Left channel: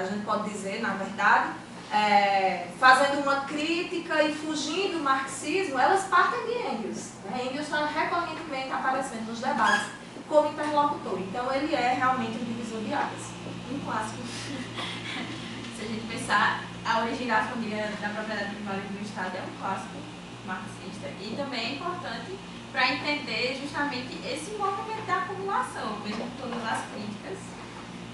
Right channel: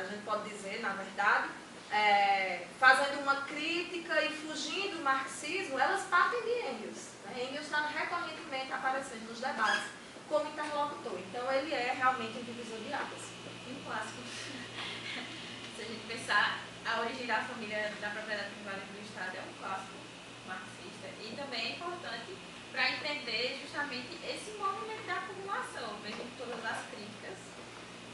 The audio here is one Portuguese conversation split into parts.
a gente pode dizer, na verdade, fazendo uma crítica e fugindo do marxismo, elas partem de Engels. Né? Engels está recorrentemente aparecendo nos debates como interlocutor. Então, ele é realmente um divisor de águas. Um clássico. Se a gente pensar, a origem da família da propriedade privada do Estado é um clássico marxista. E também é importante para entender justamente esse movimento da acumulação, mesmo com todas as críticas.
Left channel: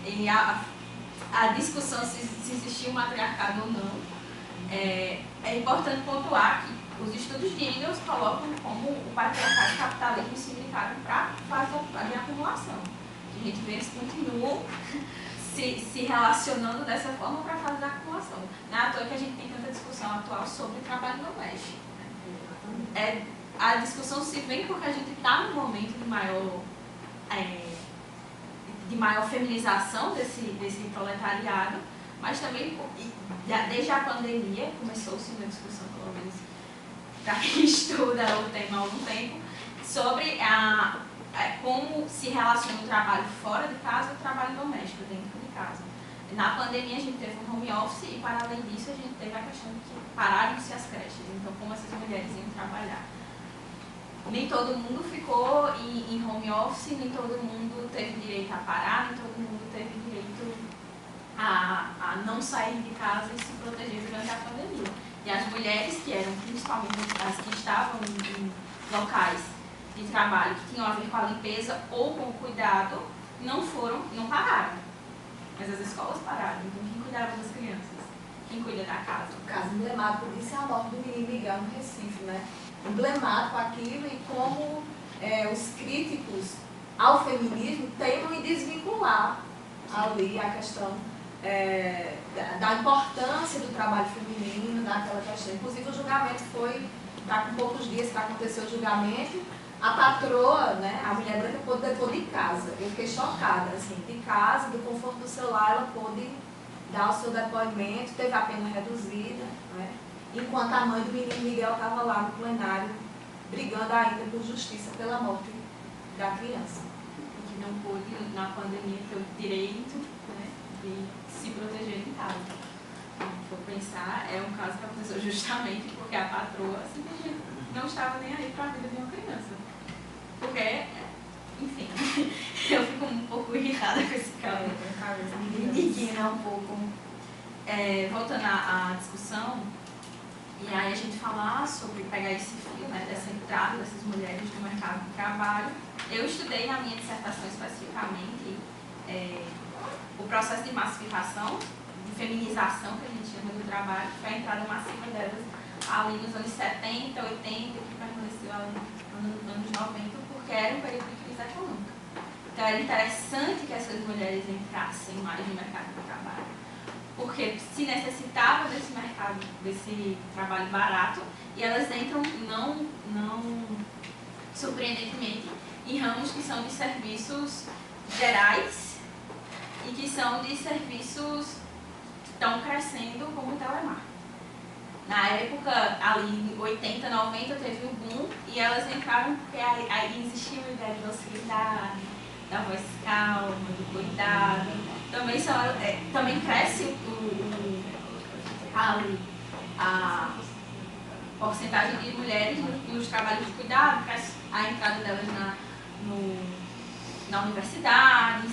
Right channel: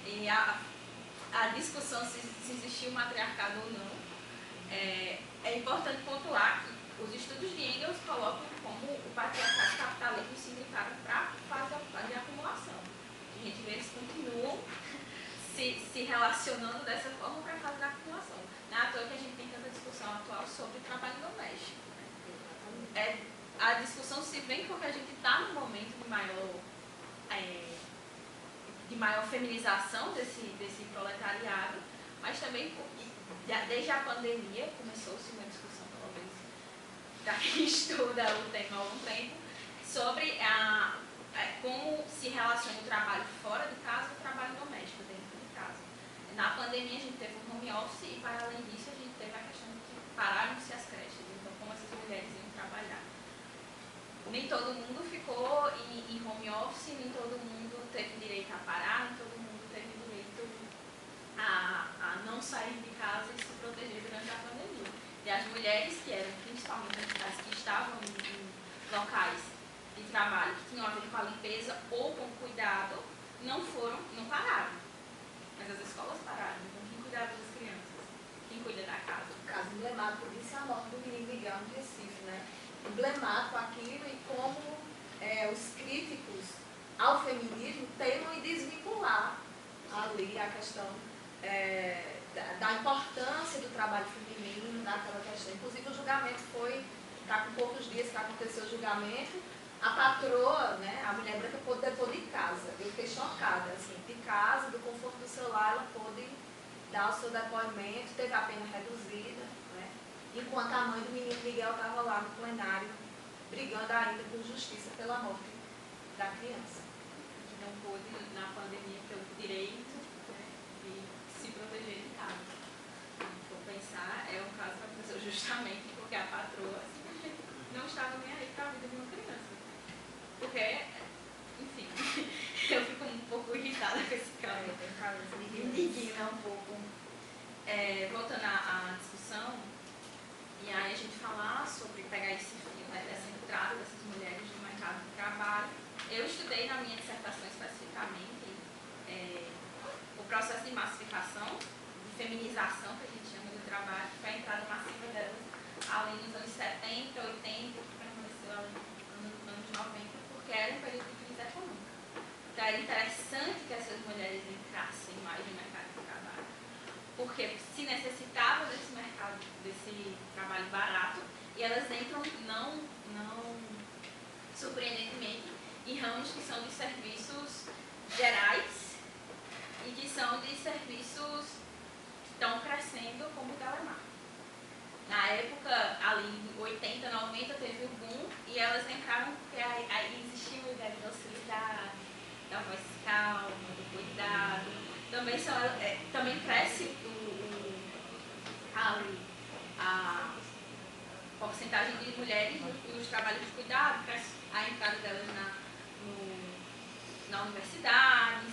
E a discussão se existia um matriarcado ou não. É importante pontuar que os estudos de Engels colocam como o patriarcado e o capitalismo se unificaram para a fase de acumulação. A gente vê eles continuam se relacionando dessa forma para a fase da acumulação. Não é à toa que a gente tem tanta discussão atual sobre trabalho doméstico. A discussão se vem porque a gente está num momento de maior feminização desse proletariado, mas também, desde a pandemia, começou-se uma discussão, pelo menos, para quem estuda o tema há algum tempo, sobre como se relaciona o trabalho fora de casa e o trabalho doméstico dentro de casa. Na pandemia, a gente teve um home office e, para além disso, a gente teve a questão de que pararam-se as creches. Então, como essas mulheres iam trabalhar? Nem todo mundo ficou em home office, nem todo mundo teve direito a parar, nem todo mundo teve direito a não sair de casa e se proteger durante a pandemia. E as mulheres, que eram principalmente as que estavam em locais de trabalho que tinham a ver com a limpeza ou com o cuidado, não pararam. Mas as escolas pararam. Então, quem cuidava das crianças? Quem cuida da casa? O caso emblemático disso é a morte do menino Miguel no Recife, né? Emblemático aquilo e como os críticos ao feminismo teimam em desvincular ali a questão da importância do trabalho feminino naquela questão. Inclusive o julgamento está com poucos dias que aconteceu o julgamento, a patroa, né, a mulher branca pôde depor de casa. Eu fiquei chocada, assim, de casa, do conforto do celular, ela pôde dar o seu depoimento, teve a pena reduzida, né? Enquanto a mãe do menino Miguel estava lá no plenário, brigando ainda por justiça pela morte da criança. E que não pôde, na pandemia, ter o direito, né, de se proteger em casa. Então, se for pensar, é um caso que aconteceu justamente porque a patroa simplesmente não estava nem aí para a vida de uma criança. Porque, enfim, eu fico um pouco irritada com esse caso. Me indigna um pouco. Voltando à discussão, e aí a gente falar sobre pegar esse fio, né, dessa entrada dessas mulheres no mercado de trabalho. Eu estudei na minha dissertação especificamente o processo de massificação, de feminização, que a gente chama do trabalho, que foi a entrada massiva delas ali nos anos 70, 80, que permaneceu ali nos anos 90, porque era um período de crise econômica. Então era interessante que essas mulheres entrassem mais no mercado de trabalho, porque se necessitava desse mercado, desse trabalho barato, e elas entram, não surpreendentemente, em ramos que são de serviços gerais e que são de serviços que estão crescendo como o telemarketing. Na época, ali em 80, 90, teve um boom e elas entraram porque aí existia uma ideia de docilidade, da voz calma, do cuidado. Também cresce a porcentagem de mulheres nos trabalhos de cuidado, cresce a entrada delas na universidade,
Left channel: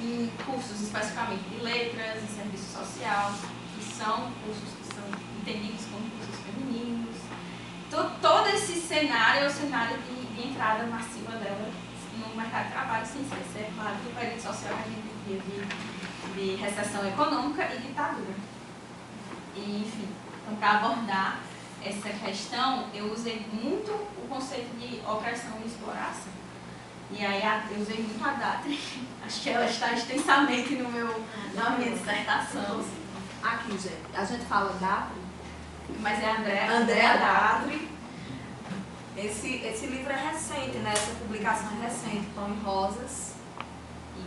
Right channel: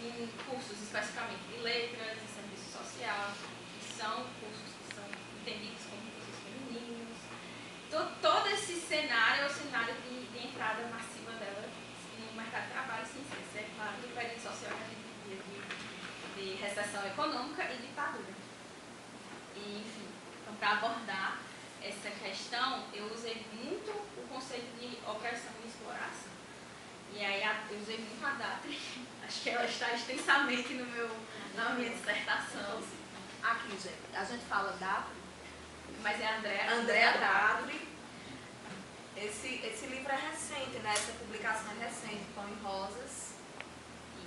em cursos especificamente de letras, em serviço social, que são cursos que são entendidos como cursos femininos. Todo esse cenário é o cenário de entrada massiva delas no mercado de trabalho, sem ser, claro, do período social que a gente vivia de recessão econômica e ditadura. E, enfim, então, para abordar essa questão, eu usei muito o conceito de opressão e exploração. E aí eu usei muito a Datri, acho que ela está extensamente na minha dissertação. Aqui, gente, a gente fala Datri, mas é Andréa Datri. Esse livro é recente, né? Essa publicação é recente, Pão e Rosas.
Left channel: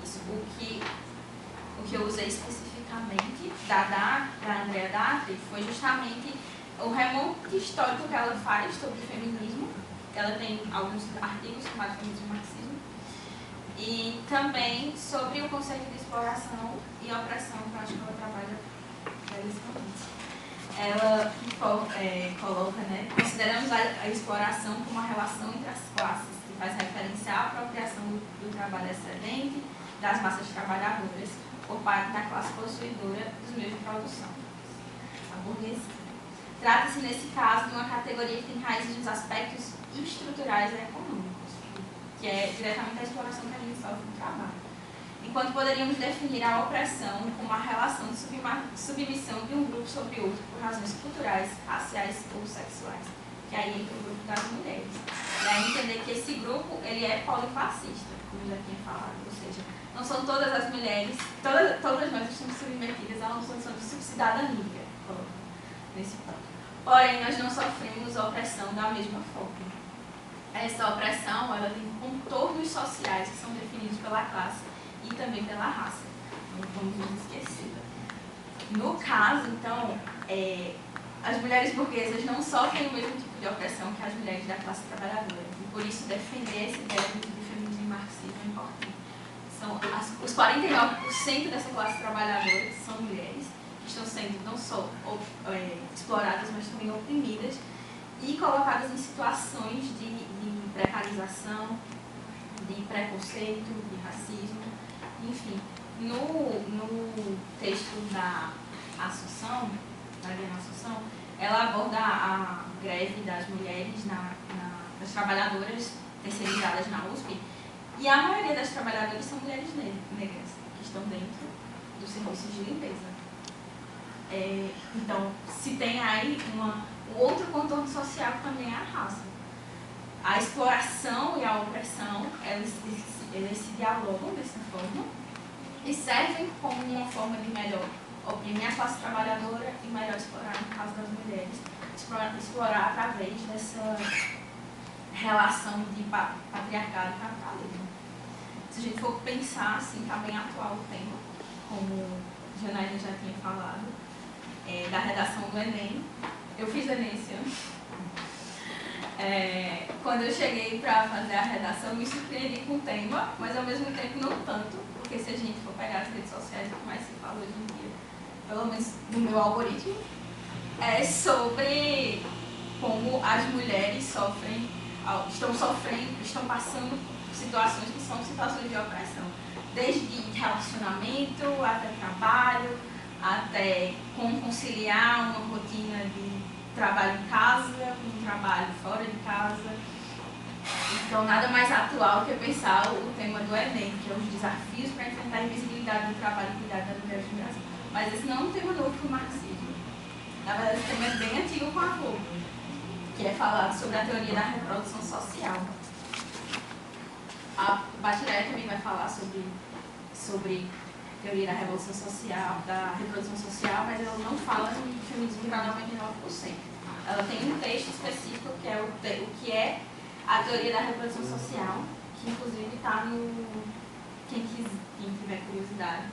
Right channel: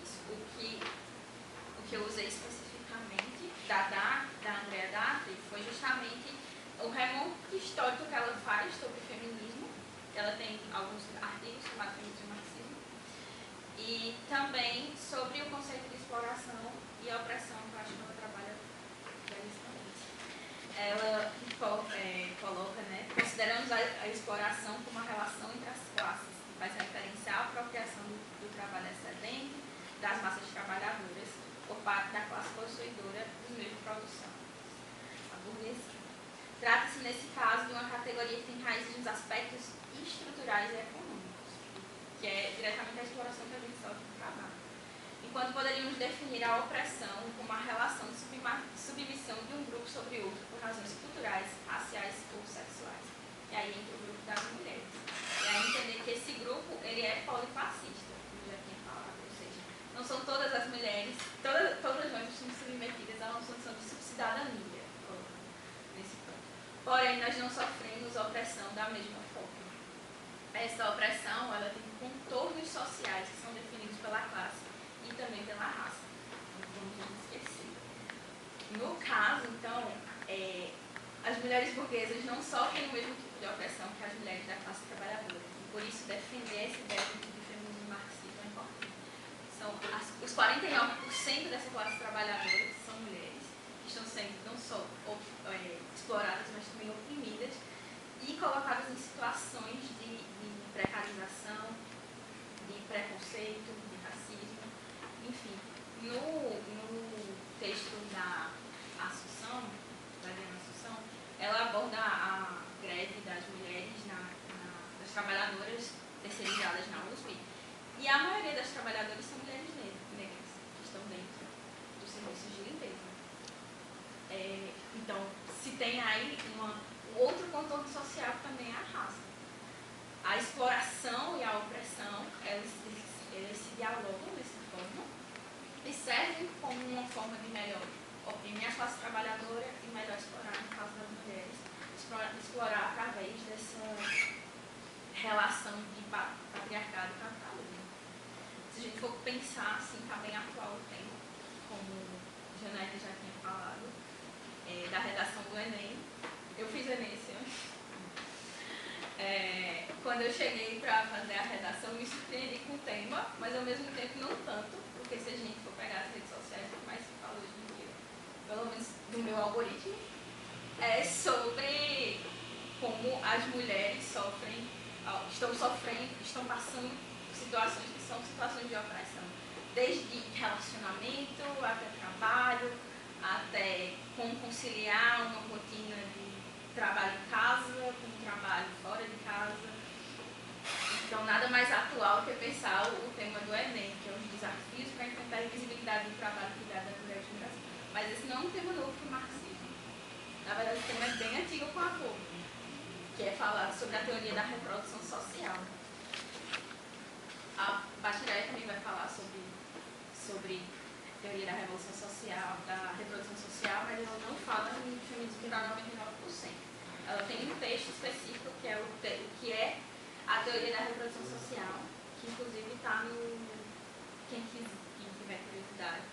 Isso. O que eu usei especificamente da Andréa Datri foi justamente o remonte histórico que ela faz sobre o feminismo. Ela tem alguns artigos chamados Feminismo e Marxismo. E também sobre o conceito de exploração e opressão, que eu acho que ela trabalha coloca, né, consideramos a exploração como uma relação entre as classes, que faz referência à apropriação do trabalho excedente das massas trabalhadoras por parte da classe possuidora dos meios de produção, a burguesia. Trata-se, nesse caso, de uma categoria que tem raízes nos aspectos estruturais e econômicos, que é diretamente a exploração que a gente sofre no trabalho. Enquanto poderíamos definir a opressão como a relação de submissão de um grupo sobre outro por razões culturais, raciais ou sexuais, que aí entra o grupo das mulheres. E aí entender que esse grupo ele é polifascista, como eu já tinha falado, ou seja, não são todas as mulheres, todas nós estamos submetidas a uma condição de subcidadania, nesse ponto. Porém, nós não sofremos opressão da mesma forma. Essa opressão ela tem contornos sociais que são definidos pela classe e também pela raça. Não vamos nos esquecer. No caso, então, as mulheres burguesas não sofrem o mesmo tipo de opressão que as mulheres da classe trabalhadora. E por isso defender essa ideia do feminismo marxismo é importante. São os 49% dessa classe trabalhadora que são mulheres, que estão sendo não só exploradas, mas também oprimidas e colocadas em situações de precarização, de preconceito, de racismo, enfim. No texto da Assunção, da Diana Assunção, ela aborda a greve das mulheres, das trabalhadoras terceirizadas na USP, e a maioria das trabalhadoras são mulheres negras, que estão dentro dos serviços de limpeza. Então, se tem aí um outro contorno social que também é a raça. A exploração e a opressão, elas se dialogam dessa forma e servem como uma forma de melhor oprimir a classe trabalhadora e melhor explorar, no caso das mulheres, explorar através dessa relação de patriarcado e capitalismo. Se a gente for pensar, assim, está bem atual o tema, como Janaína já tinha falado, da redação do Enem. Eu fiz Enem esse ano. Quando eu cheguei para fazer a redação, eu me surpreendi com o tema, mas ao mesmo tempo não tanto, porque se a gente for pegar as redes sociais, o que mais se fala hoje em dia, pelo menos no meu algoritmo, é sobre como as mulheres estão passando situações que são situações de opressão, desde relacionamento até trabalho, até como conciliar uma rotina de trabalho em casa com um trabalho fora de casa. Então, nada mais atual que pensar o tema do Enem, que é os desafios para enfrentar a invisibilidade do trabalho e cuidar das mulheres no Brasil. Mas esse não é um tema novo para o marxismo. Na verdade, esse tema é bem antigo com a Vogel, que é falado sobre a teoria da reprodução social. A Bachiller também vai falar sobre teoria da revolução social, da reprodução social, mas ela não fala em feminismo para 99%. Ela tem um texto específico que é o que é a teoria da reprodução social, que inclusive está no... Quem tiver curiosidade,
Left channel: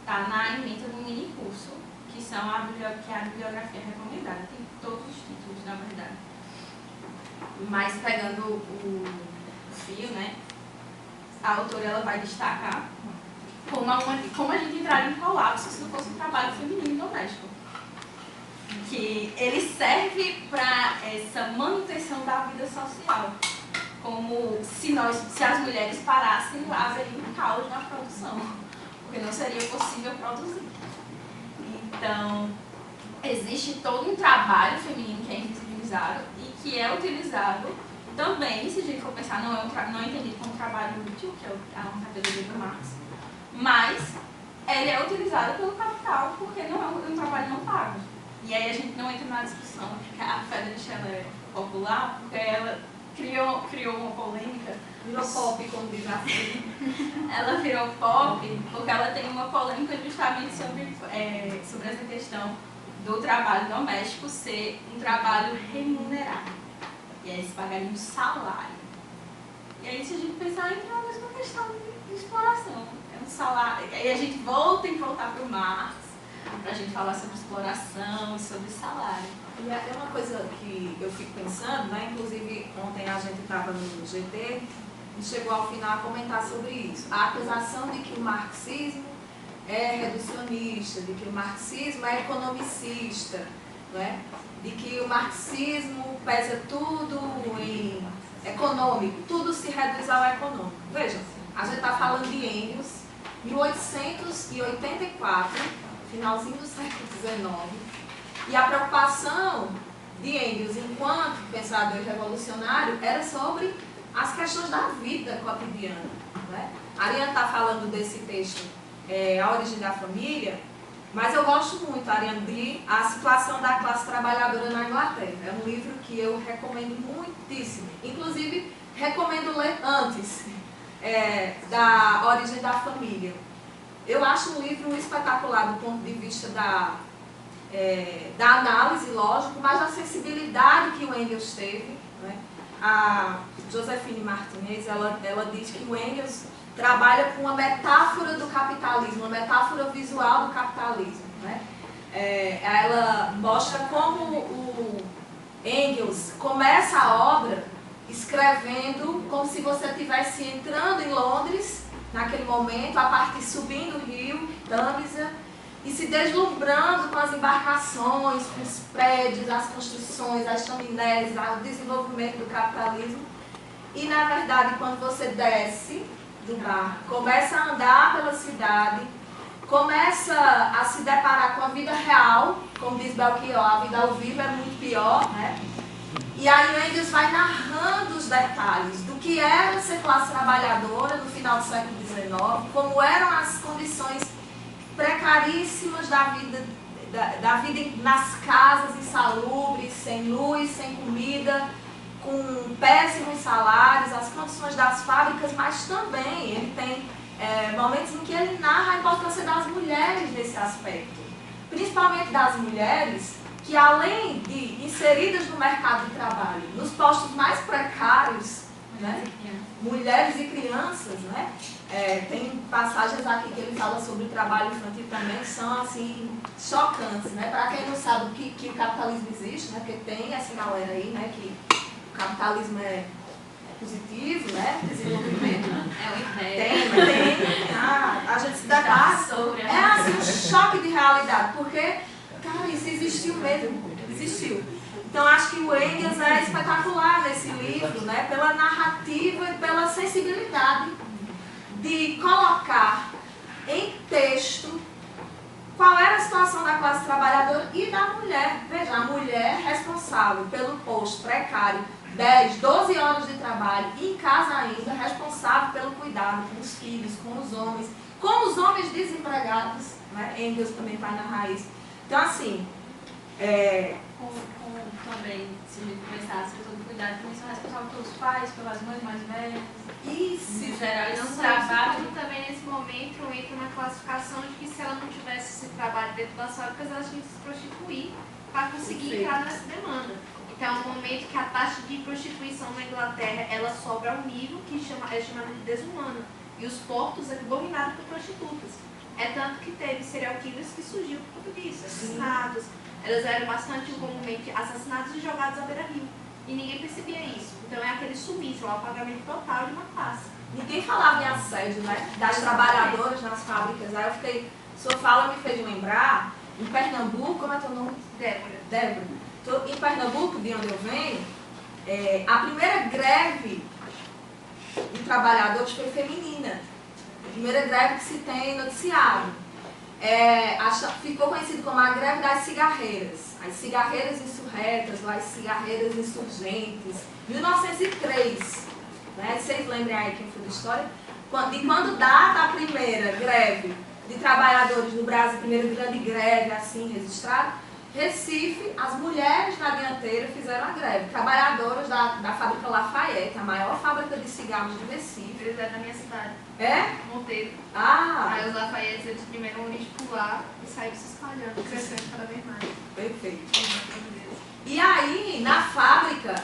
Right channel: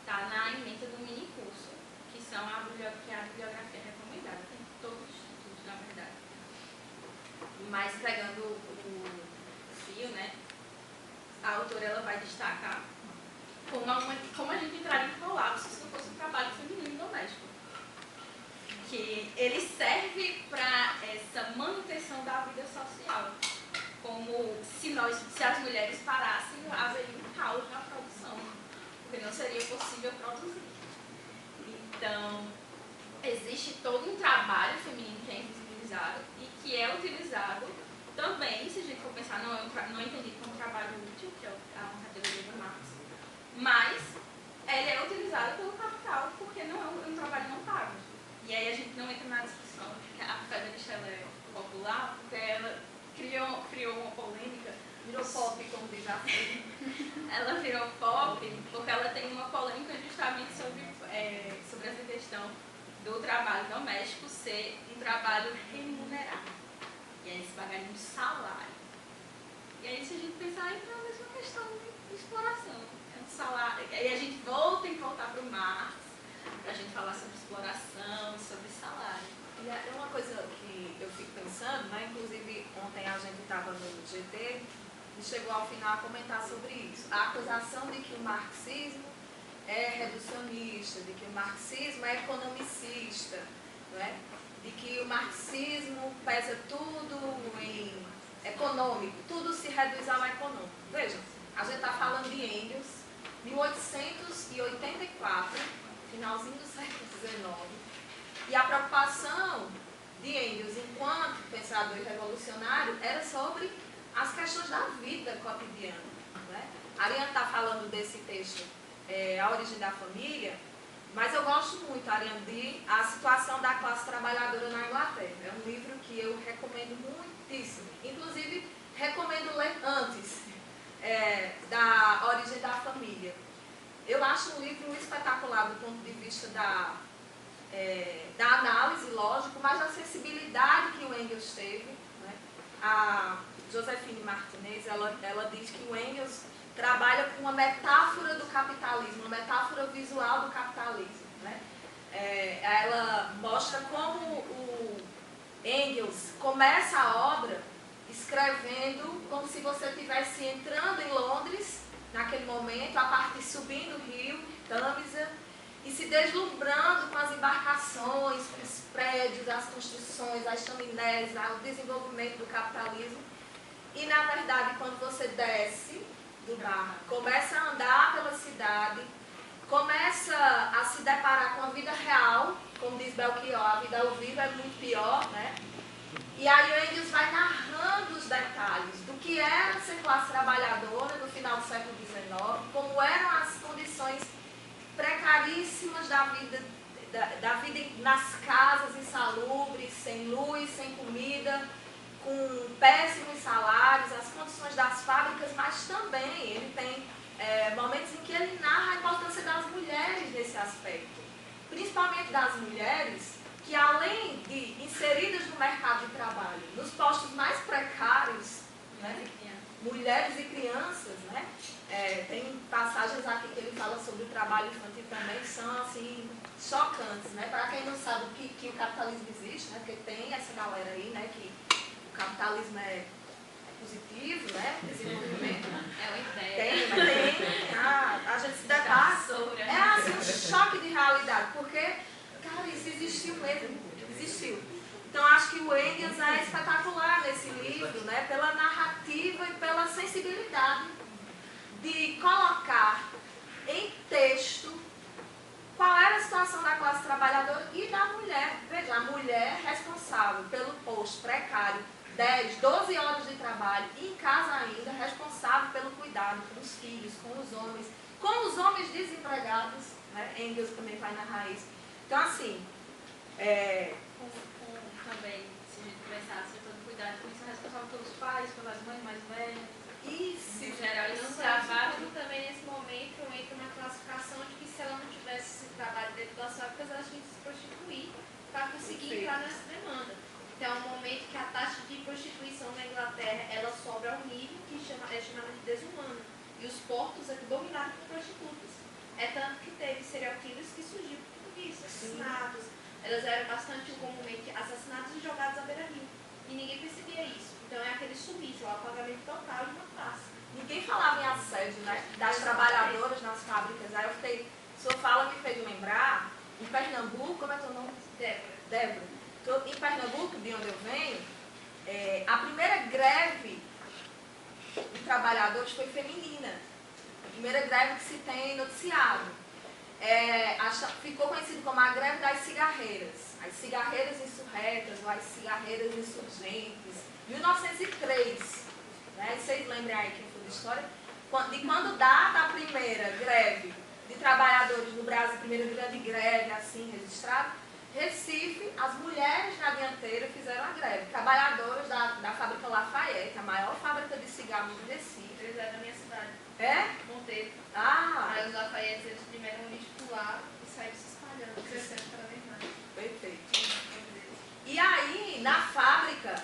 está na ementa do mini curso, que é a bibliografia recomendada. Tem todos os títulos, na verdade. Mas pegando o fio, né, a autora ela vai destacar como a gente entraria em colapso se não fosse um trabalho feminino doméstico. Que ele serve para essa manutenção da vida social. Como se as mulheres parassem, haveria um caos na produção, porque não seria possível produzir. Então, existe todo um trabalho feminino que é invisibilizado e que é utilizado também, se a gente for pensar, não é entendido como trabalho útil, que é uma categoria do Marx, mas ele é utilizado pelo capital porque não é um trabalho não pago. E aí a gente não entra na discussão. A Friedrich ela é popular porque ela criou uma polêmica. Virou pop, como diz a filha. Ela virou pop porque ela tem uma polêmica justamente sobre essa questão do trabalho doméstico ser um trabalho remunerado. E aí se pagaria um salário. E aí se a gente pensar, entra na mesma questão de exploração. É um salário. E aí a gente volta para o Marx, para a gente falar sobre exploração e sobre salário. E é uma coisa que eu fico pensando, né? Inclusive ontem a gente estava no GT e chegou ao final a comentar sobre isso. A acusação de que o marxismo é reducionista, de que o marxismo é economicista, não é? De que o marxismo pesa tudo em econômico, tudo se reduz ao econômico. Veja, a gente está falando de Engels, 1884, finalzinho do século XIX, e a preocupação de Engels enquanto pensador revolucionário era sobre as questões da vida cotidiana, né? A Ariane está falando desse texto, A Origem da Família, mas eu gosto muito, Ariane, de A Situação da Classe Trabalhadora na Inglaterra. É um livro que eu recomendo muitíssimo. Inclusive, recomendo ler antes da Origem da Família. Eu acho um livro espetacular do ponto de vista da análise, lógico, mas da sensibilidade que o Engels teve, né? A Josefine Martinez, ela diz que o Engels trabalha com uma metáfora do capitalismo, uma metáfora visual do capitalismo, né? Ela mostra como o Engels começa a obra escrevendo como se você estivesse entrando em Londres, naquele momento, a partir subindo o rio, Tâmisa, e se deslumbrando com as embarcações, com os prédios, as construções, as chaminés, o desenvolvimento do capitalismo. E, na verdade, quando você desce do barco, começa a andar pela cidade, começa a se deparar com a vida real, como diz Belchior, a vida ao vivo é muito pior, né? E aí o Engels vai narrando os detalhes do que era ser classe trabalhadora no final do século XIX, como eram as condições precaríssimas da vida nas casas insalubres, sem luz, sem comida, com péssimos salários, as condições das fábricas, mas também ele tem momentos em que ele narra a importância das mulheres nesse aspecto, principalmente das mulheres que, além de inseridas no mercado de trabalho, nos postos mais precários, né, mulheres e crianças, né? Tem passagens aqui que ele fala sobre o trabalho infantil também, que são assim, chocantes, né? Para quem não sabe que o capitalismo existe, né? Porque tem essa galera aí, né? Que o capitalismo é positivo, né? Desenvolvimento. É uma ideia. Tem. A gente se depara. É assim, um choque de realidade, porque, cara, isso existiu mesmo. Existiu. Então, acho que o Engels é espetacular nesse livro, né? Pela narrativa e pela sensibilidade de colocar em texto qual era a situação da classe trabalhadora e da mulher. Veja, a mulher responsável pelo posto precário, 10, 12 horas de trabalho, e em casa ainda, responsável pelo cuidado com os filhos, com os homens desempregados, né? Engels também vai narrar isso. Então, assim, também, se a gente prestasse todo cuidado com isso, é responsável pelos pais, pelas mães mais velhas. Isso, em geral, Não esse só trabalho. isso, também nesse momento entra uma classificação de que se ela não tivesse esse trabalho dentro das fábricas, ela tinha que se prostituir para conseguir entrar nessa demanda. Então, é um momento que a taxa de prostituição na Inglaterra, ela sobe ao nível que é chamado de desumano. E os portos eram dominados por prostitutas. É tanto que teve serial killers que surgiu por tudo isso, assassinatos. Elas eram bastante comumente assassinados e jogados à beira-rio. E ninguém percebia isso. Então é aquele sumiço, o apagamento total de uma classe. Ninguém falava em assédio, né? Das trabalhadoras nas fábricas. Aí eu fiquei, sua fala me fez lembrar, em Pernambuco, como é teu nome? Débora. Em Pernambuco, de onde eu venho, a primeira greve de trabalhadores foi feminina. A primeira greve que se tem noticiado. Ficou conhecido como a greve das cigarreiras. As cigarreiras insurretas, ou as cigarreiras insurgentes. 1903. Né? Vocês lembram aí quem foi da história? De quando data a primeira greve de trabalhadores no Brasil, primeira grande greve assim registrada, Recife, as mulheres na dianteira fizeram a greve. Trabalhadoras da fábrica Lafayette, a maior fábrica de cigarros de Recife. Eles eram da minha cidade. É? Monteiro. Aí os Lafayette, eles primeiro a gente pular e saíram se espalhando, crescendo cada vez mais. Perfeito. E aí, na fábrica,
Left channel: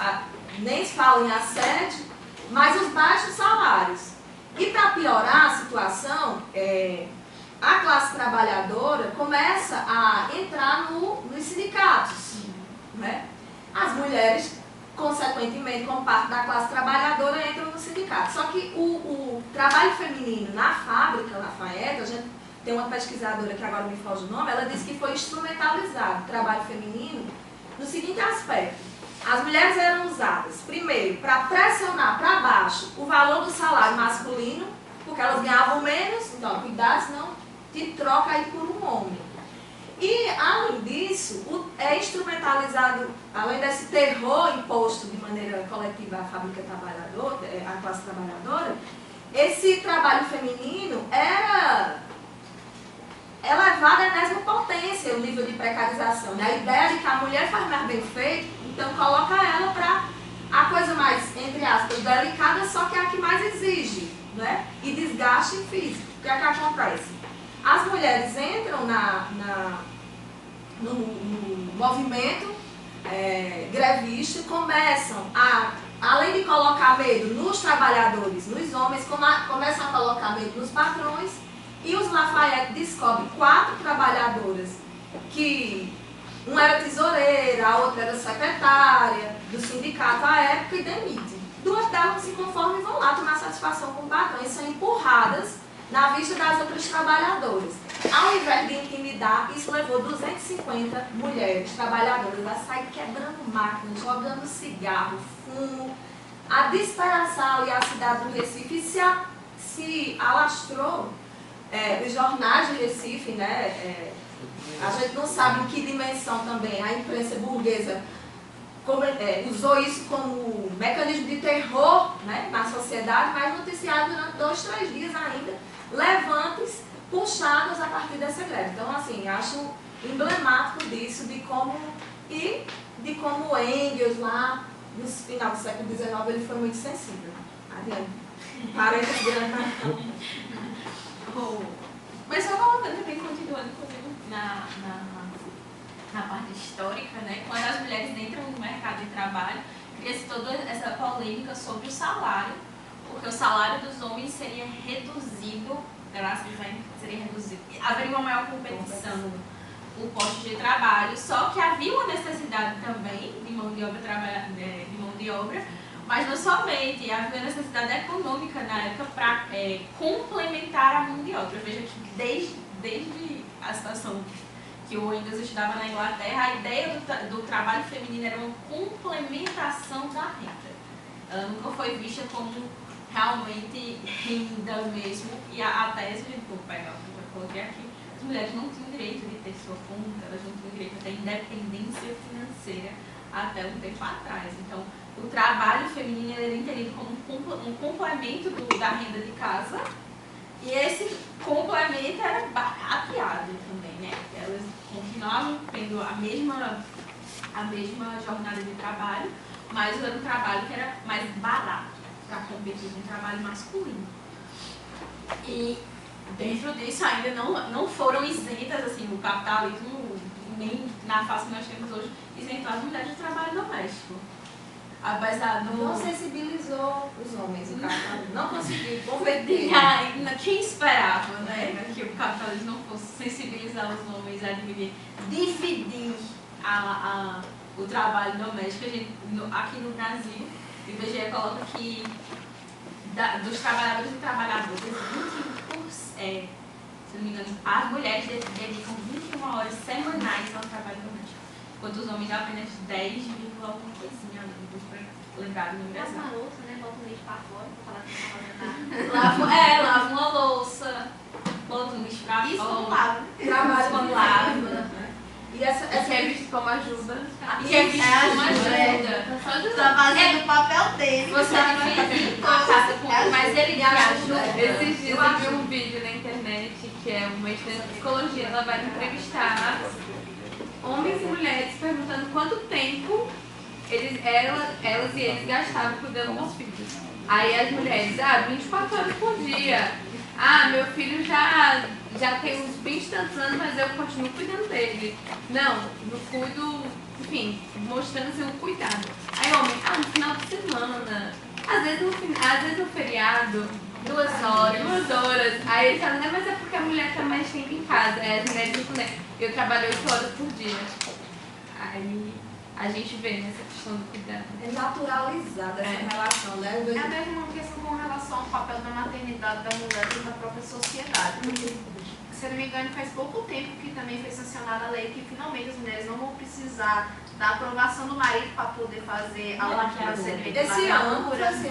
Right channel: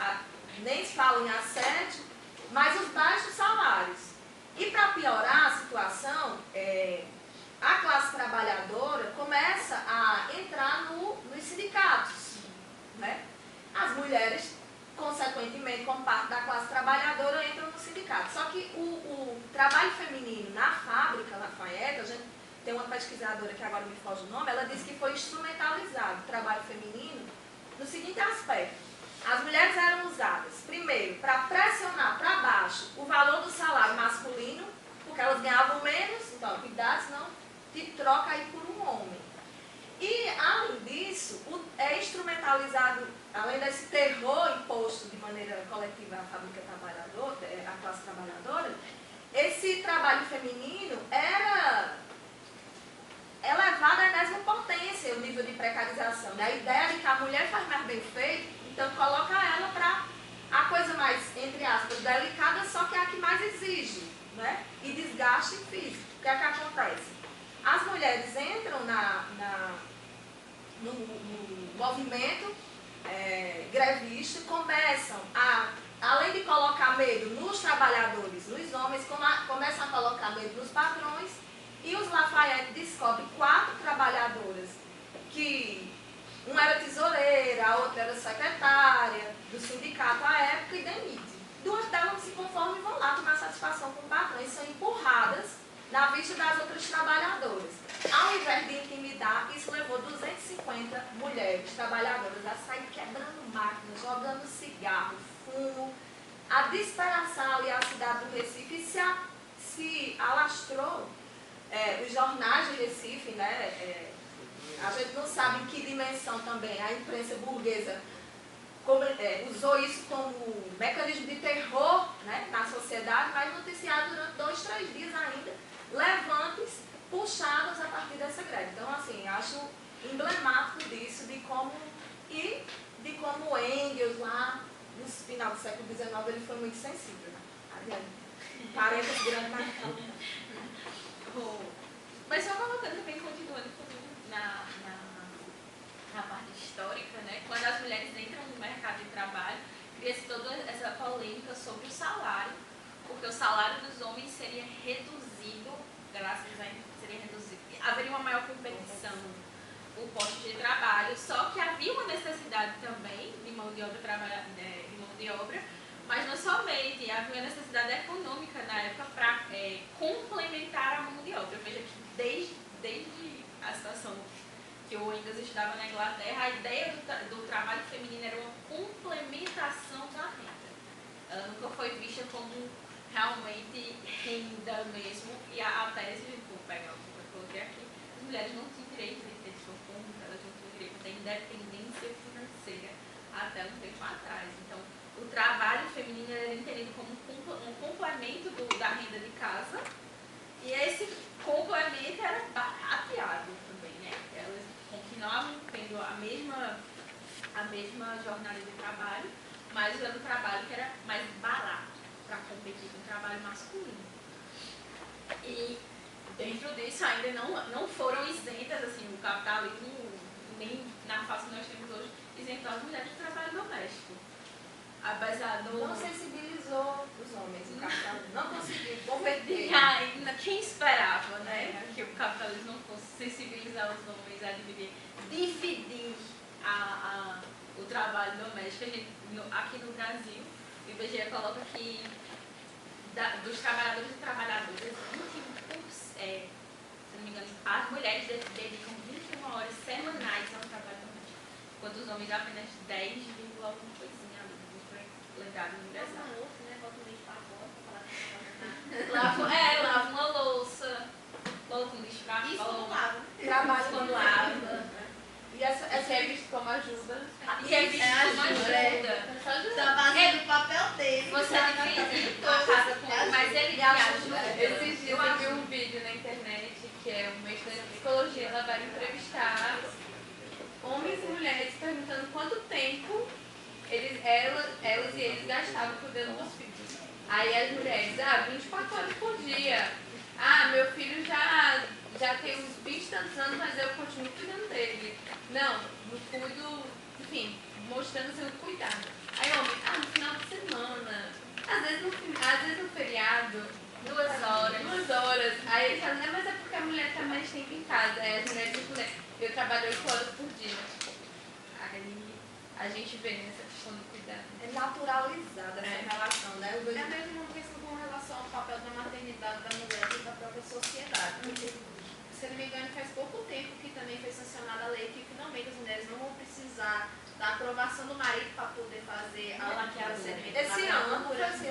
nem se fala em assédio, mas os baixos salários. E para piorar a situação, a classe trabalhadora começa a entrar nos sindicatos. Né? As mulheres, consequentemente, como parte da classe trabalhadora, entram no sindicato. Só que o trabalho feminino na fábrica Lafayette, a gente tem uma pesquisadora que agora me foge o nome, ela disse que foi instrumentalizado o trabalho feminino no seguinte aspecto. As mulheres eram usadas, primeiro, para pressionar para baixo o valor do salário masculino, porque elas ganhavam menos, então, cuidado, senão te troca aí por um homem. E, além disso, é instrumentalizado, além desse terror imposto de maneira coletiva à fábrica trabalhadora, à classe trabalhadora, esse trabalho feminino era elevado à enésima potência, o nível de precarização. A ideia de que a mulher faz mais bem feito, então coloca ela para a coisa mais, entre aspas, delicada, só que é a que mais exige, né? E desgaste físico. O que é que acontece? As mulheres entram no movimento grevista e começam a, além de colocar medo nos trabalhadores, nos homens, começam a colocar medo nos patrões, e os Lafayette descobrem 4 trabalhadoras que uma era tesoureira, a outra era secretária do sindicato à época e demite. 2 delas se conformam e vão lá tomar satisfação com o patrão e são empurradas na vista das outras trabalhadoras. Ao invés de intimidar, isso levou 250 mulheres trabalhadoras a sair quebrando máquinas, jogando cigarro, fumo, a despedaçar ali a cidade do Recife e se alastrou. Os jornais de Recife, né, a gente não sabe em que dimensão também a imprensa burguesa usou isso como mecanismo de terror, né, na sociedade, mas noticiado durante 2, 3 dias ainda, levantes puxados a partir dessa greve. Então, assim, acho emblemático disso, de como Engels, lá no final do século XIX, ele foi muito sensível. Adiante. Parênteses grande. Mas só colocando também, continuando na parte histórica, né? Quando as mulheres entram no mercado de trabalho, cria-se toda essa polêmica sobre o salário, porque o salário dos homens seria reduzido, graças a seria reduzido, haveria uma maior competição no posto de trabalho, só que havia uma necessidade também de mão de obra, mas não somente, havia necessidade econômica na época para complementar a mão de obra. Veja que desde a situação que o Engels estudava na Inglaterra, a ideia do trabalho feminino era uma complementação da renda. Ela nunca foi vista como realmente renda mesmo, e a tese, vou pegar o que eu coloquei aqui, as mulheres não tinham direito de ter sua conta, elas não tinham direito de ter independência financeira até um tempo atrás. Então, o trabalho feminino era entendido como um complemento da renda de casa, e esse complemento era barateado também, né? Elas continuavam tendo a mesma jornada de trabalho, mas era um trabalho que era mais barato para competir com o trabalho masculino. E dentro disso ainda não foram isentas, assim, o capitalismo, nem na face que nós temos hoje, isentou as mulheres do trabalho doméstico. Apesar do... Não sensibilizou os homens, o capitalismo não conseguiu converter. Quem esperava, né, que o capitalismo não fosse sensibilizar os homens a dividir o trabalho doméstico? Aqui no Brasil, o IBGE coloca que dos trabalhadores e trabalhadoras, 21%, se não me engano, as mulheres dedicam 21 horas semanais ao trabalho doméstico, enquanto os homens apenas 10, alguma coisinha ali, lembrado no Brasil. Lava uma louça, né? Bota o lixo pra fora, pra falar que não tá fazendo nada. Lava uma louça, bota o lixo pra fora. Isso não lava. Trabalho quando lava. E essa é visto como ajuda. Que é visto como ajuda. Tá fazendo o papel dele. Você mas ele ajuda. Esses dias eu vi um vídeo na internet que é uma estudante de psicologia, ela vai entrevistar homens e mulheres perguntando quanto tempo elas e eles gastavam cuidando dos filhos. Aí as mulheres, 24 horas por dia. Meu filho já tem uns 20 e tantos anos, mas eu continuo cuidando dele. Não cuido, enfim, mostrando assim, o cuidado. Aí homem, no final de semana, às vezes no feriado, 2 horas. 2 horas. Aí eles falam, mas é porque a mulher tá mais tempo em casa. Aí as mulheres respondem, eu trabalho 8 horas por dia. Aí a gente vê nessa questão do cuidado. é naturalizada essa relação, né? É a mesma questão com relação ao papel da maternidade da mulher dentro da própria sociedade. Porque se se eu não me engano, faz pouco tempo que também foi sancionada a lei que finalmente as mulheres não vão precisar da aprovação do marido para poder fazer a procedimento. Esse ano, Foi esse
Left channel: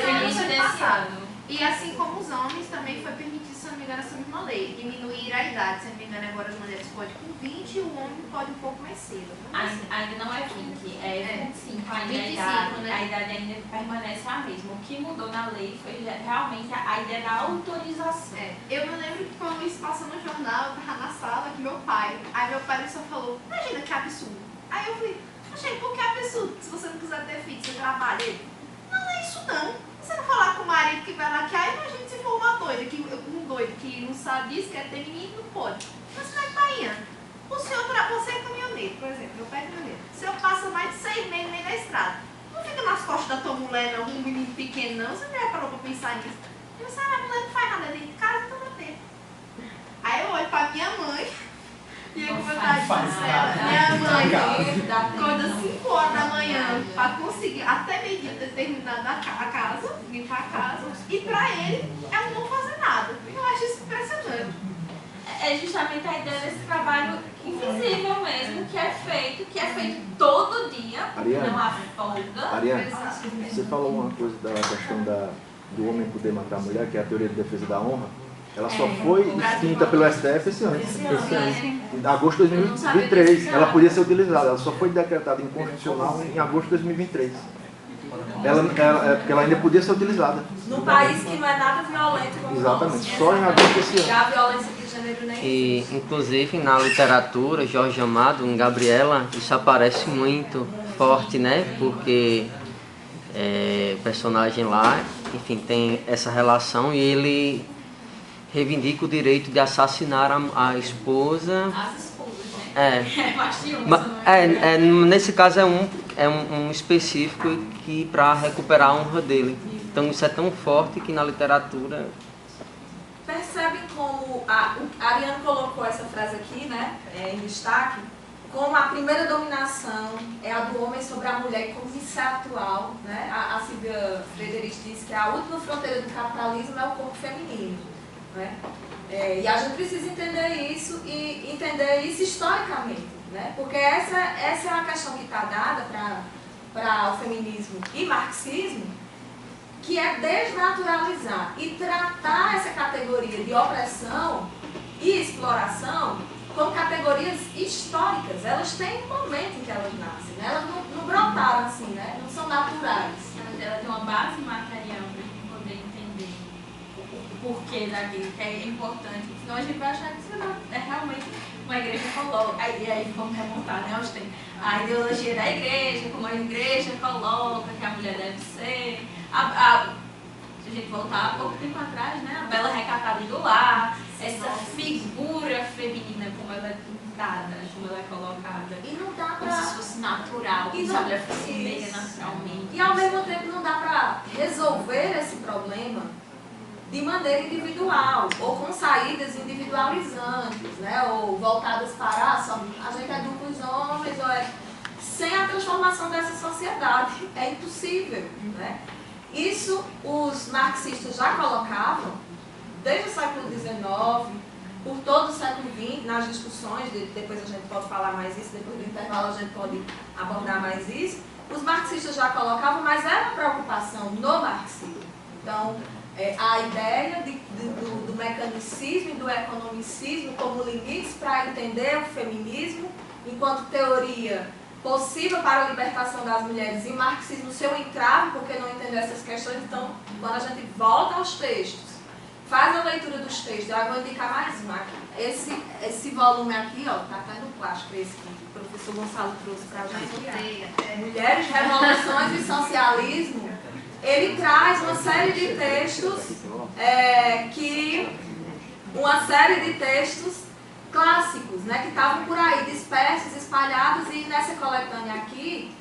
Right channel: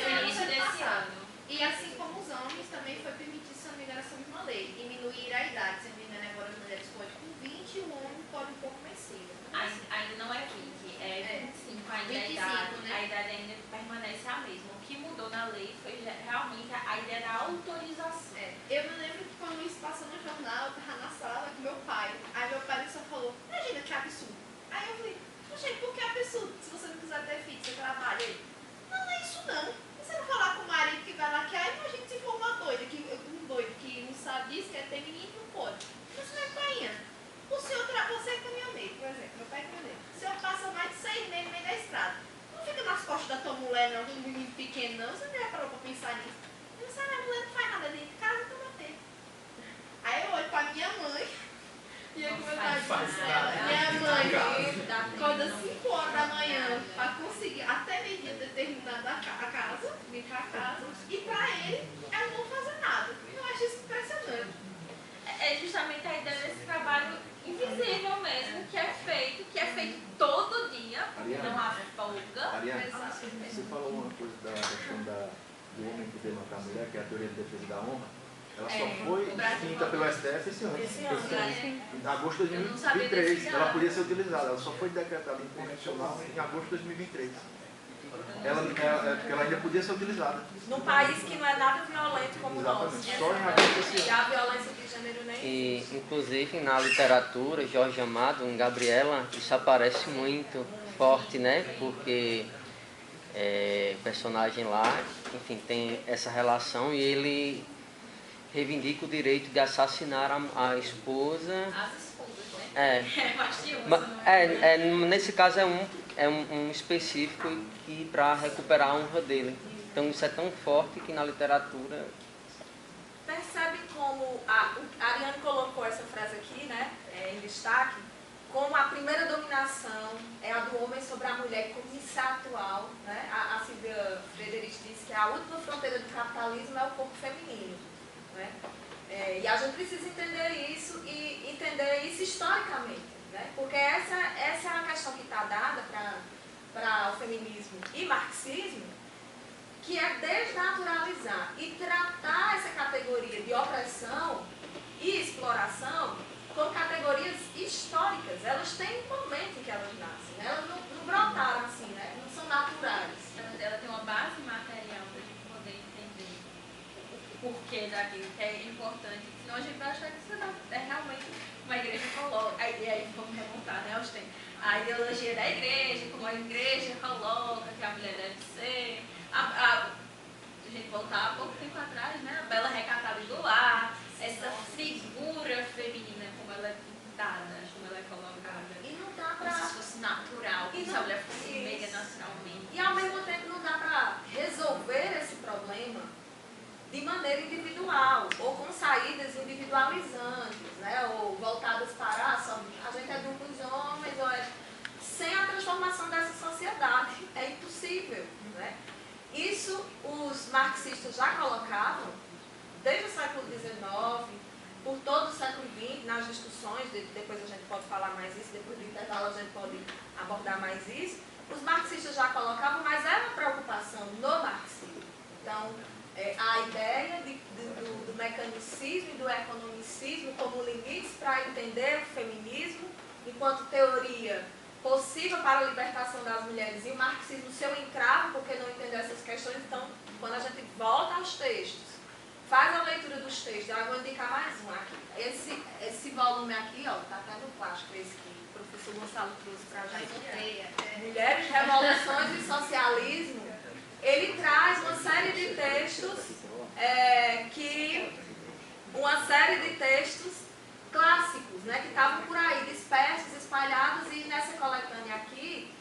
ano, início ano desse passado. ano. E assim como os homens, também foi permitido, se eu não me engano, essa mesma lei, diminuir a idade. Se eu não me engano, agora as mulheres podem com 20 e o homem pode um pouco mais cedo. Ainda não é 20, é 25 ainda 25, a idade ainda permanece a mesma. O que mudou na lei foi realmente a ideia da autorização. Eu me lembro que quando isso passou no jornal, eu tava na sala com meu pai. Aí meu pai só falou, imagina que absurdo. Aí eu falei, gente, por que absurdo? Se você não quiser ter filho, você trabalha. Ele, não é isso não. Você não falar com o marido que vai laquear, imagina se for uma doida, um doido que não sabe disso, quer ter menino, não pode. Mas você tá indo. Você é caminhoneiro, por exemplo, meu pai é caminhoneiro. Se eu passo mais de 6 meses no meio da estrada, não fica nas costas da tua mulher, não, um menino pequeno, não. Você não já parou pra pensar nisso. Eu disse, a mulher não faz nada dentro de casa, então dá tempo. Aí eu olho pra minha mãe, e aí como eu tava dizendo, minha mãe acorda 5 horas da manhã pra conseguir até meio-dia ter terminado a casa, limpar a casa, e pra ele, ela não fazer nada. Eu acho isso impressionante. É justamente a ideia desse trabalho invisível mesmo, que é feito todo dia, Ariane, não há folga. Ariane, você falou uma coisa da questão do homem poder matar a mulher, que é a teoria de defesa da honra. Ela só foi extinta pelo STF esse ano. Em agosto de 2023. Ela podia ser utilizada. Ela só foi decretada inconstitucional em agosto de 2023. Porque ela ainda podia ser utilizada. Num país que não é nada violento como Exatamente. Só em agosto desse e ano. a violência de gênero nem E, existe. inclusive, na literatura, Jorge Amado, em Gabriela, isso aparece muito forte, né? Porque o personagem lá, enfim, tem essa relação e ele reivindica o direito de assassinar a esposa. As esposas, né? Nesse caso é um específico que para recuperar a honra dele. Então isso é tão forte que na literatura... Percebem como a Ariane colocou essa frase aqui, né, em destaque, como a primeira dominação é a do homem sobre a mulher, e como isso é atual, né? A Silvia Frederic disse que a última fronteira do capitalismo é o corpo feminino, né? E a gente precisa entender isso e entender isso historicamente, né? Porque essa é uma questão que está dada para o feminismo e marxismo, que é desnaturalizar e tratar essa categoria de opressão e exploração como categorias históricas. Elas têm um momento em que elas nascem, né? Elas não brotaram assim, né? Não são naturais. Ela tem uma base material para a gente poder entender o porquê daquilo, que é importante. Senão a gente vai achar que isso é realmente uma igreja coloca. Aí vamos remontar, né, aos tempos. A ideologia da igreja, como a igreja coloca que a mulher deve ser. Se a gente voltar há pouco tempo atrás, né, a bela recatada do lar, essa figura feminina, como ela é pintada, como ela é colocada. E não dá Como se para... fosse natural, como se a mulher fosse mega naturalmente. E ao mesmo tempo não dá para resolver esse problema de maneira individual, ou com saídas individualizantes, né? Ou voltadas para só a gente é dos homens, ou sem a transformação dessa sociedade. É impossível, né? Isso os marxistas já colocavam desde o século XIX, por todo o século XX, nas discussões, depois a gente pode falar mais isso, depois do intervalo a gente pode abordar mais isso. Os marxistas já colocavam, mas era uma preocupação no marxismo. Então, a ideia do mecanicismo e do economicismo como limites para entender o feminismo enquanto teoria possível para a libertação das mulheres, e o marxismo seu entrave, porque não entendeu essas questões. Então, quando a gente volta aos textos, faz a leitura dos textos, eu vou indicar mais um aqui. Esse volume aqui, ó, tá até no plástico, esse que o professor Gonçalo trouxe para a gente. Mulheres, Revoluções e Socialismo. Ele traz uma série de textos, uma série de textos clássicos, né, que estavam por aí, dispersos, espalhados, e nessa coletânea aqui,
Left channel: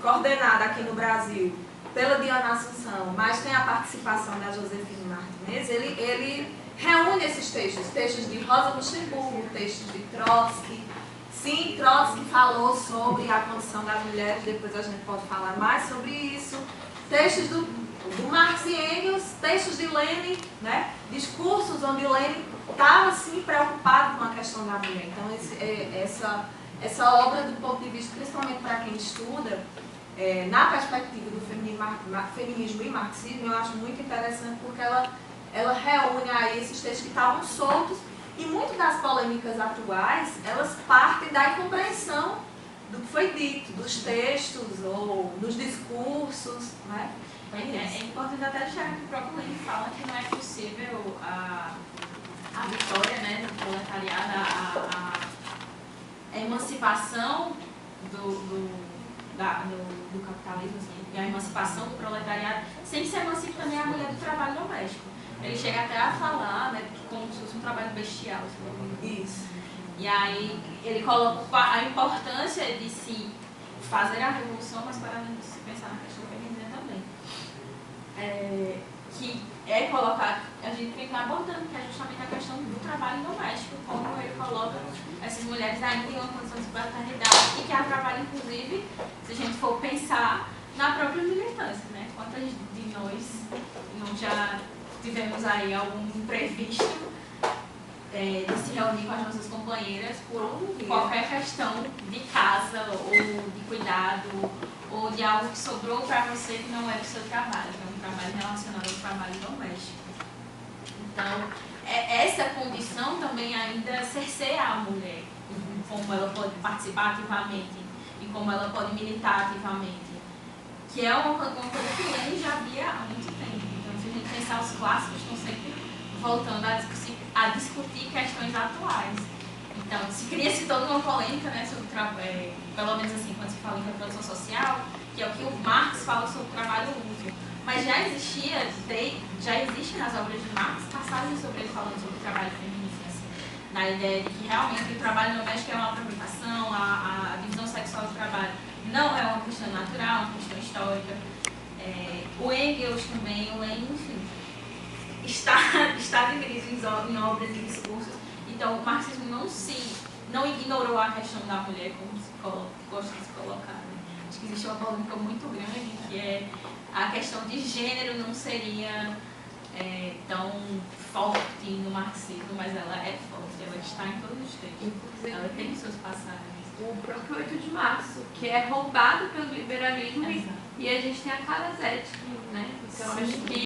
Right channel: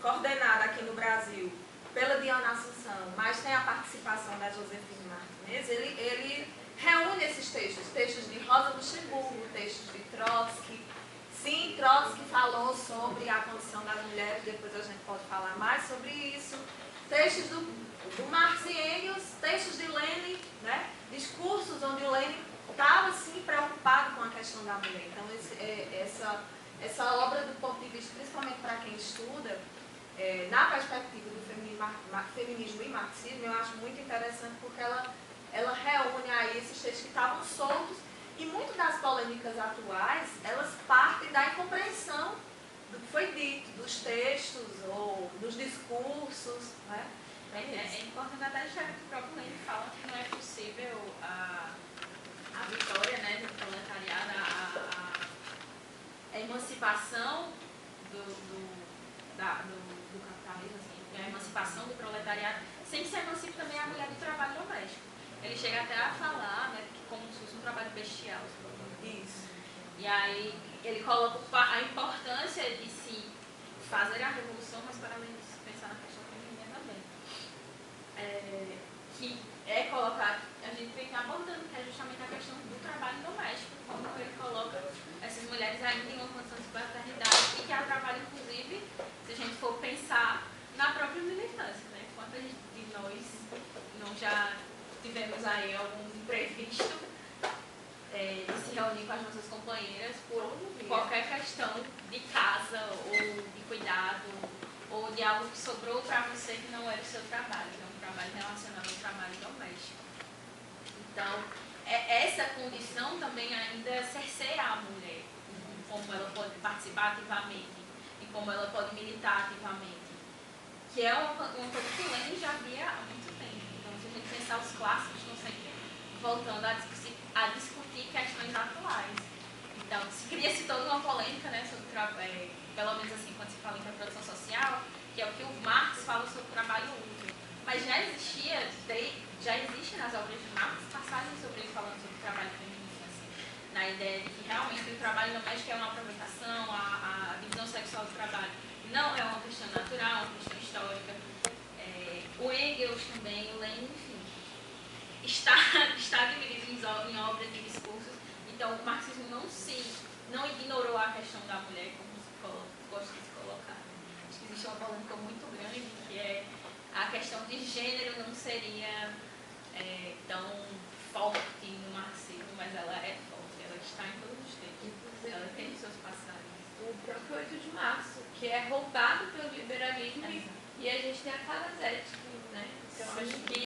coordenada aqui no Brasil pela Diana Assunção, mas tem a participação da Josefina Martinez, ele reúne esses textos de Rosa Luxemburgo, textos de Trotsky. Sim, Trotsky falou sobre a condição das mulheres, depois a gente pode falar mais sobre isso. Textos do do Marx e Engels, textos de Lenin, né? Discursos onde Lenin estava assim preocupado com a questão da mulher. Então essa obra, do ponto de vista, principalmente para quem estuda, na perspectiva do feminismo e marxismo, eu acho muito interessante porque ela reúne aí esses textos que estavam soltos, e muitas das polêmicas atuais, elas partem da incompreensão do que foi dito, dos textos ou dos discursos, né? É importante até deixar que o próprio Lenin fala que não é possível a vitória, né, do proletariado, a emancipação do capitalismo, assim, a emancipação do proletariado, sem que se emancipe também a mulher do trabalho doméstico. Ele chega até a falar, né, como se fosse um trabalho bestial. Isso. E aí ele coloca a importância de se fazer a revolução, mas para além disso, pensar na questão feminina também. Que é colocar, a gente vem abordando, que é justamente a questão do trabalho doméstico, como ele coloca essas mulheres ainda em uma condição de subalternidade e que há trabalho, inclusive, se a gente for pensar na própria militância, né? Quantas de nós não já tivemos aí algum imprevisto de se reunir com as nossas companheiras por qualquer questão de casa ou de cuidado ou de algo que sobrou para você que não é do seu trabalho, que é um trabalho relacionado ao trabalho doméstico. Então, essa condição também ainda cerceia a mulher, como ela pode participar ativamente e como ela pode militar ativamente, que é uma coisa que Lenin já via há muito tempo. Então, se a gente pensar, os clássicos estão sempre voltando a discutir questões atuais. Então, se cria-se toda uma polêmica, né, sobre o trabalho, pelo menos assim, quando se fala em reprodução social, que é o que o Marx fala sobre o trabalho útil. Mas já existe nas obras de Marx passagens sobre ele falando sobre o trabalho feminista, assim, na ideia de que realmente o trabalho doméstico é uma aproveitação, a divisão sexual do trabalho não é uma questão natural, é uma questão histórica. O Engels também, o Lenin, enfim, está dividido em obras e discursos. Então, o marxismo não ignorou a questão da mulher, como se gosta de se colocar. Né? Acho que existe uma polêmica muito grande, que é a questão de gênero não seria tão forte no marxismo, mas ela é forte, ela está em todos os textos. Ela tem suas passagens. O próprio 8 de março, que é roubado pelo liberalismo, e a gente tem a Clara Zetkin, né? Então, acho que